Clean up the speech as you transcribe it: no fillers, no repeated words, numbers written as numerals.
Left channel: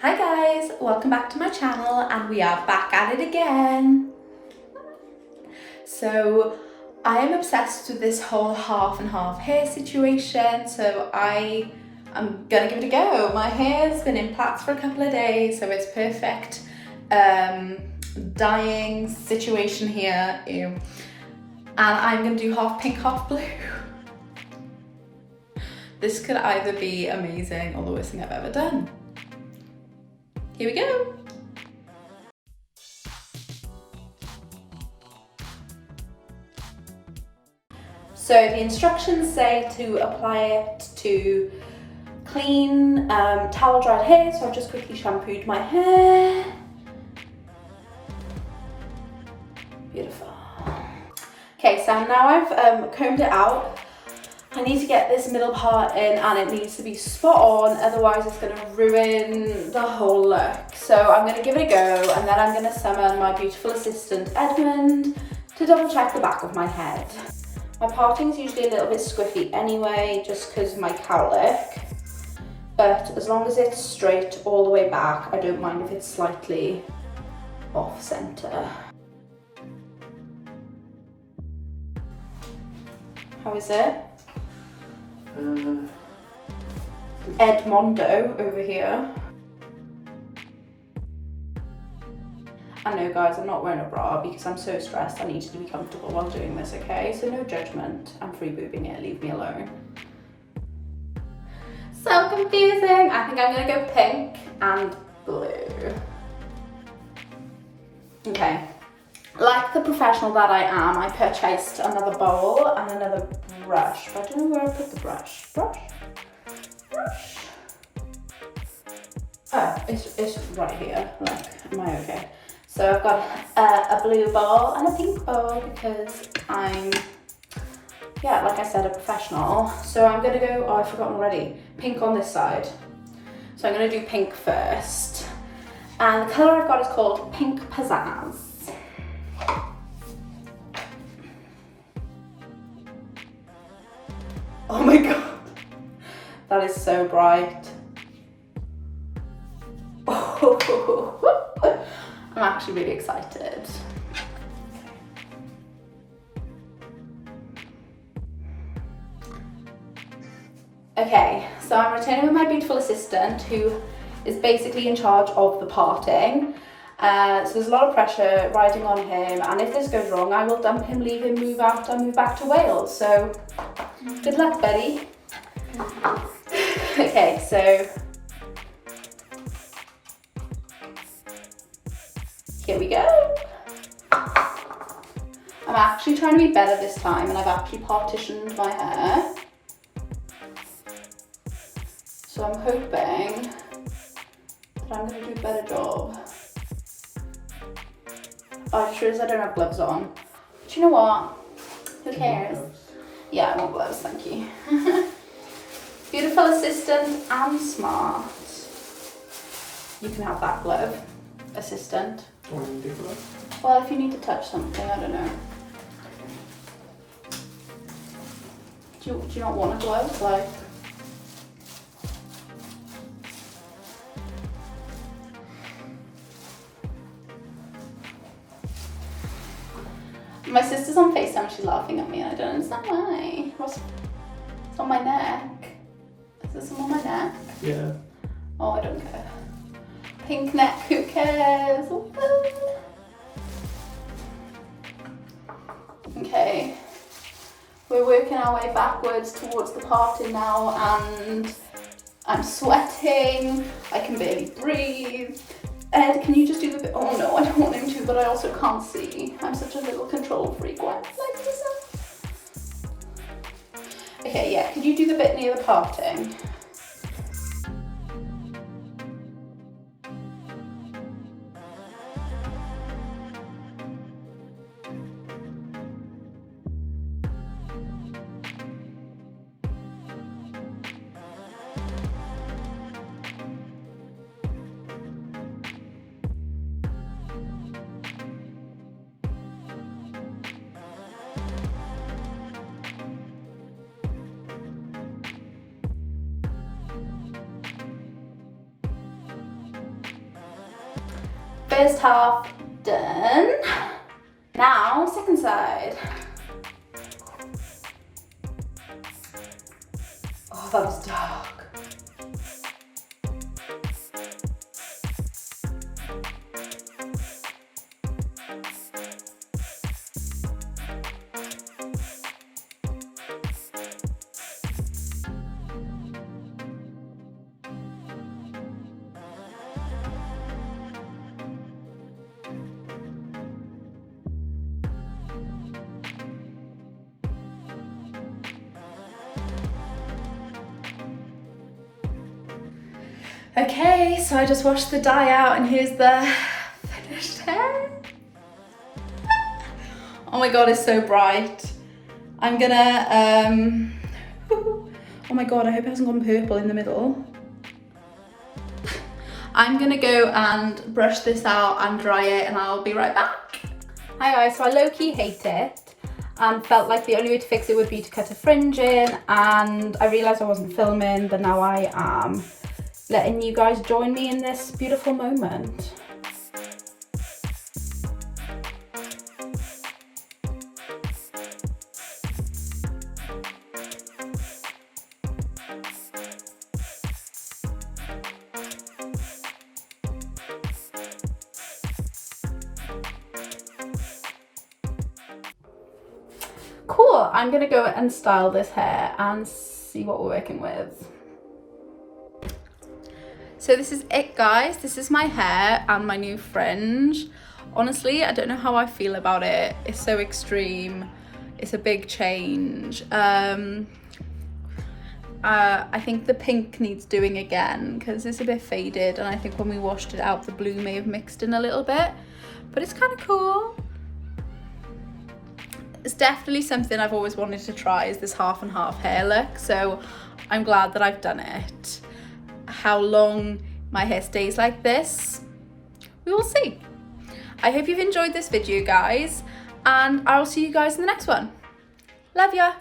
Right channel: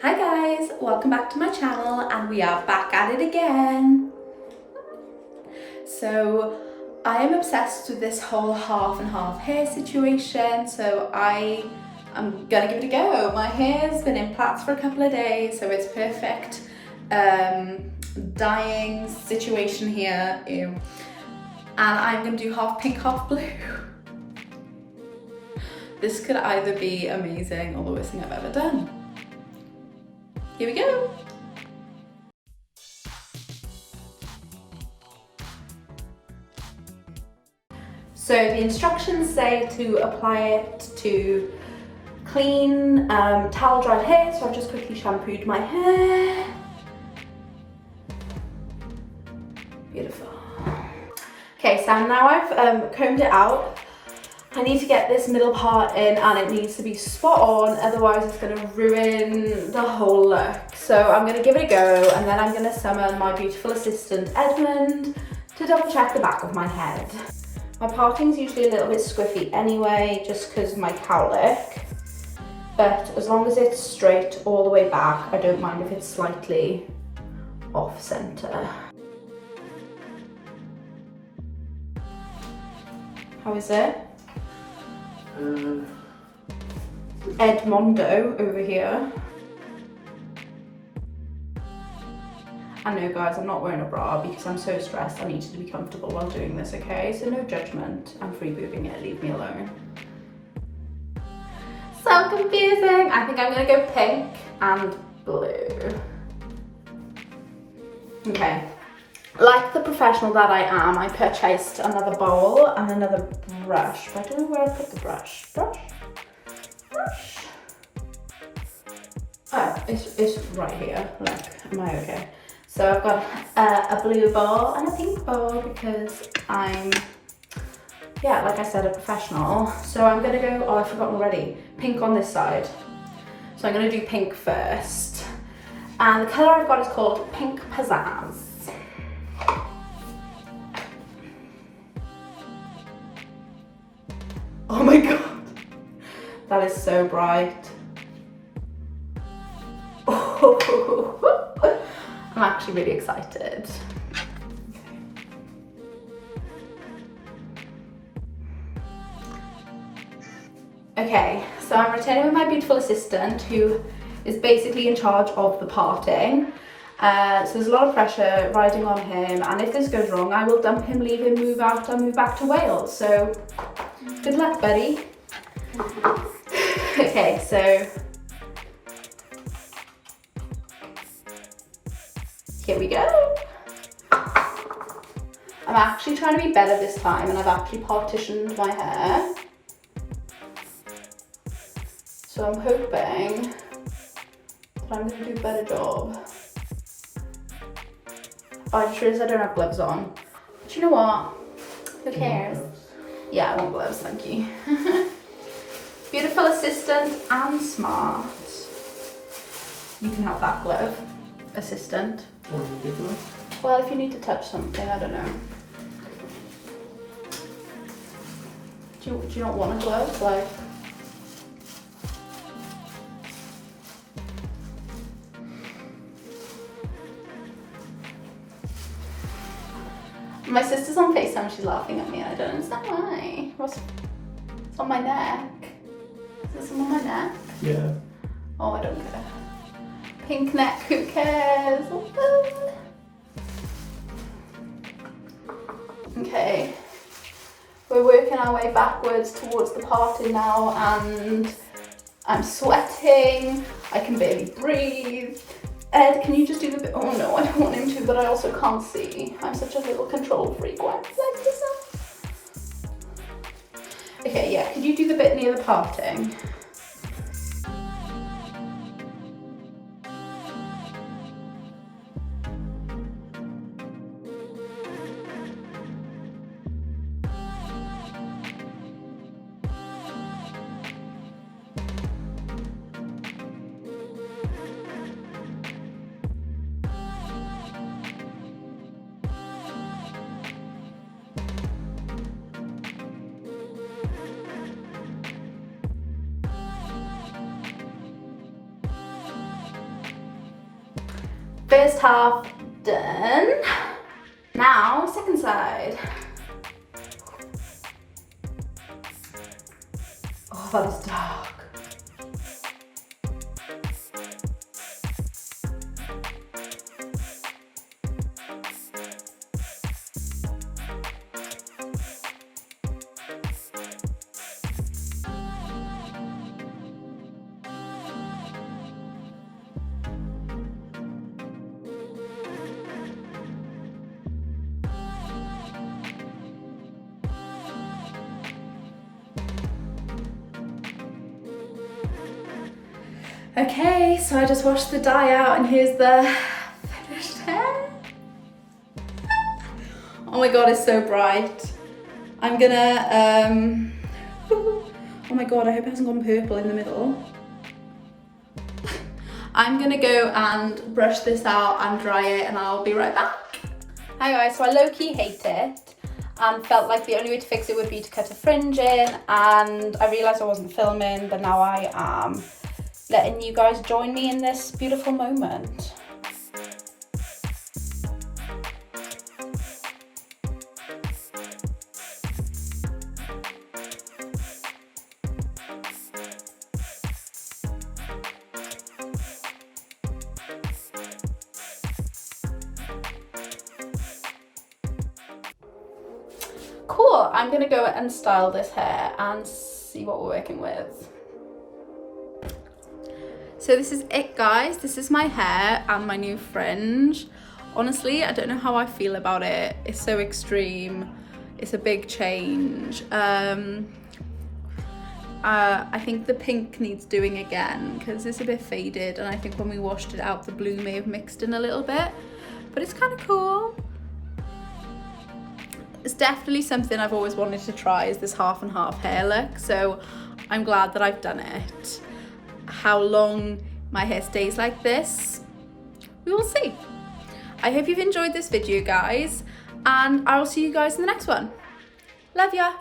Hi guys, welcome back to my channel and we are back at it again. So I am obsessed with this whole half and half hair situation, so I'm gonna give it a go. My hair's been in plaits for a couple of days, so it's perfect dyeing situation here. Ew. And I'm gonna do half pink, half blue. This could either be amazing or the worst thing I've ever done. Here we go. So the instructions say to apply it to clean, towel dried hair, so I've just quickly shampooed my hair. Beautiful. Okay, so now I've combed it out. I need to get this middle part in and it needs to be spot on, otherwise it's going to ruin the whole look. So I'm going to give it a go and then I'm going to summon my beautiful assistant Edmund to double check the back of my head. My parting is usually a little bit squiffy anyway, just because of my cowlick, but as long as it's straight all the way back, I don't mind if it's slightly off center. How is it? Edmondo over here. I know guys, I'm not wearing a bra because I'm so stressed. I needed to be comfortable while doing this, okay? So no judgment. I'm free boobing it, leave me alone. So confusing. I think I'm gonna go pink and blue. Okay. Like the professional that I am, I purchased another bowl and another brush. But I don't know where I put the brush. Brush. Oh, it's right here. Like, am I okay? So I've got a blue bowl and a pink bowl because I'm, yeah, like I said, a professional. So I'm gonna go, oh, I've forgotten already, pink on this side. So I'm gonna do pink first. And the color I've got is called Pink Pizzazz. Oh my God, that is so bright. Oh, I'm actually really excited. Okay, so I'm returning with my beautiful assistant who is basically in charge of the parting. So there's a lot of pressure riding on him, and if this goes wrong, I will dump him, leave him, move out, and move back to Wales. So good luck, buddy. Okay, so here we go. I'm actually trying to be better this time, and I've actually partitioned my hair. So I'm hoping that I'm going to do a better job. Oh, I sure as I don't have gloves on. But you know what? Who cares? Yeah, I want gloves, thank you. Beautiful assistant and smart. You can have that glove, assistant. Well, if you need to touch something, I don't know. Do you not want a glove? Like, my sister's on FaceTime, she's laughing at me, and I don't understand why. It's on my neck. Is this on my neck? Yeah. Oh, I don't care. Pink neck, who cares? Okay. We're working our way backwards towards the party now, and I'm sweating. I can barely breathe. Ed, can you just do the bit? Oh no, I don't want him to, but I also can't see. I'm such a little control freak. What? Like yourself. Okay, yeah, could you do the bit near the parting? First half done. Now, second side. Oh, that was dark. Okay, so I just washed the dye out and here's the finished hair. Oh my god, it's so bright. I'm gonna, oh my god, I hope it hasn't gone purple in the middle. I'm gonna go and brush this out and dry it and I'll be right back. Hi guys, so I low-key hate it and felt like the only way to fix it would be to cut a fringe in, and I realised I wasn't filming, but now I am letting you guys join me in this beautiful moment. Cool, I'm gonna go and style this hair and see what we're working with. So this is it guys, this is my hair and my new fringe. Honestly, I don't know how I feel about it. It's so extreme, it's a big change. I think the pink needs doing again because it's a bit faded, and I think when we washed it out the blue may have mixed in a little bit, but it's kind of cool. It's definitely something I've always wanted to try, is this half and half hair look, so I'm glad that I've done it. How long my hair stays like this, we will see. I hope you've enjoyed this video guys, and I will see you guys in the next one. Love ya.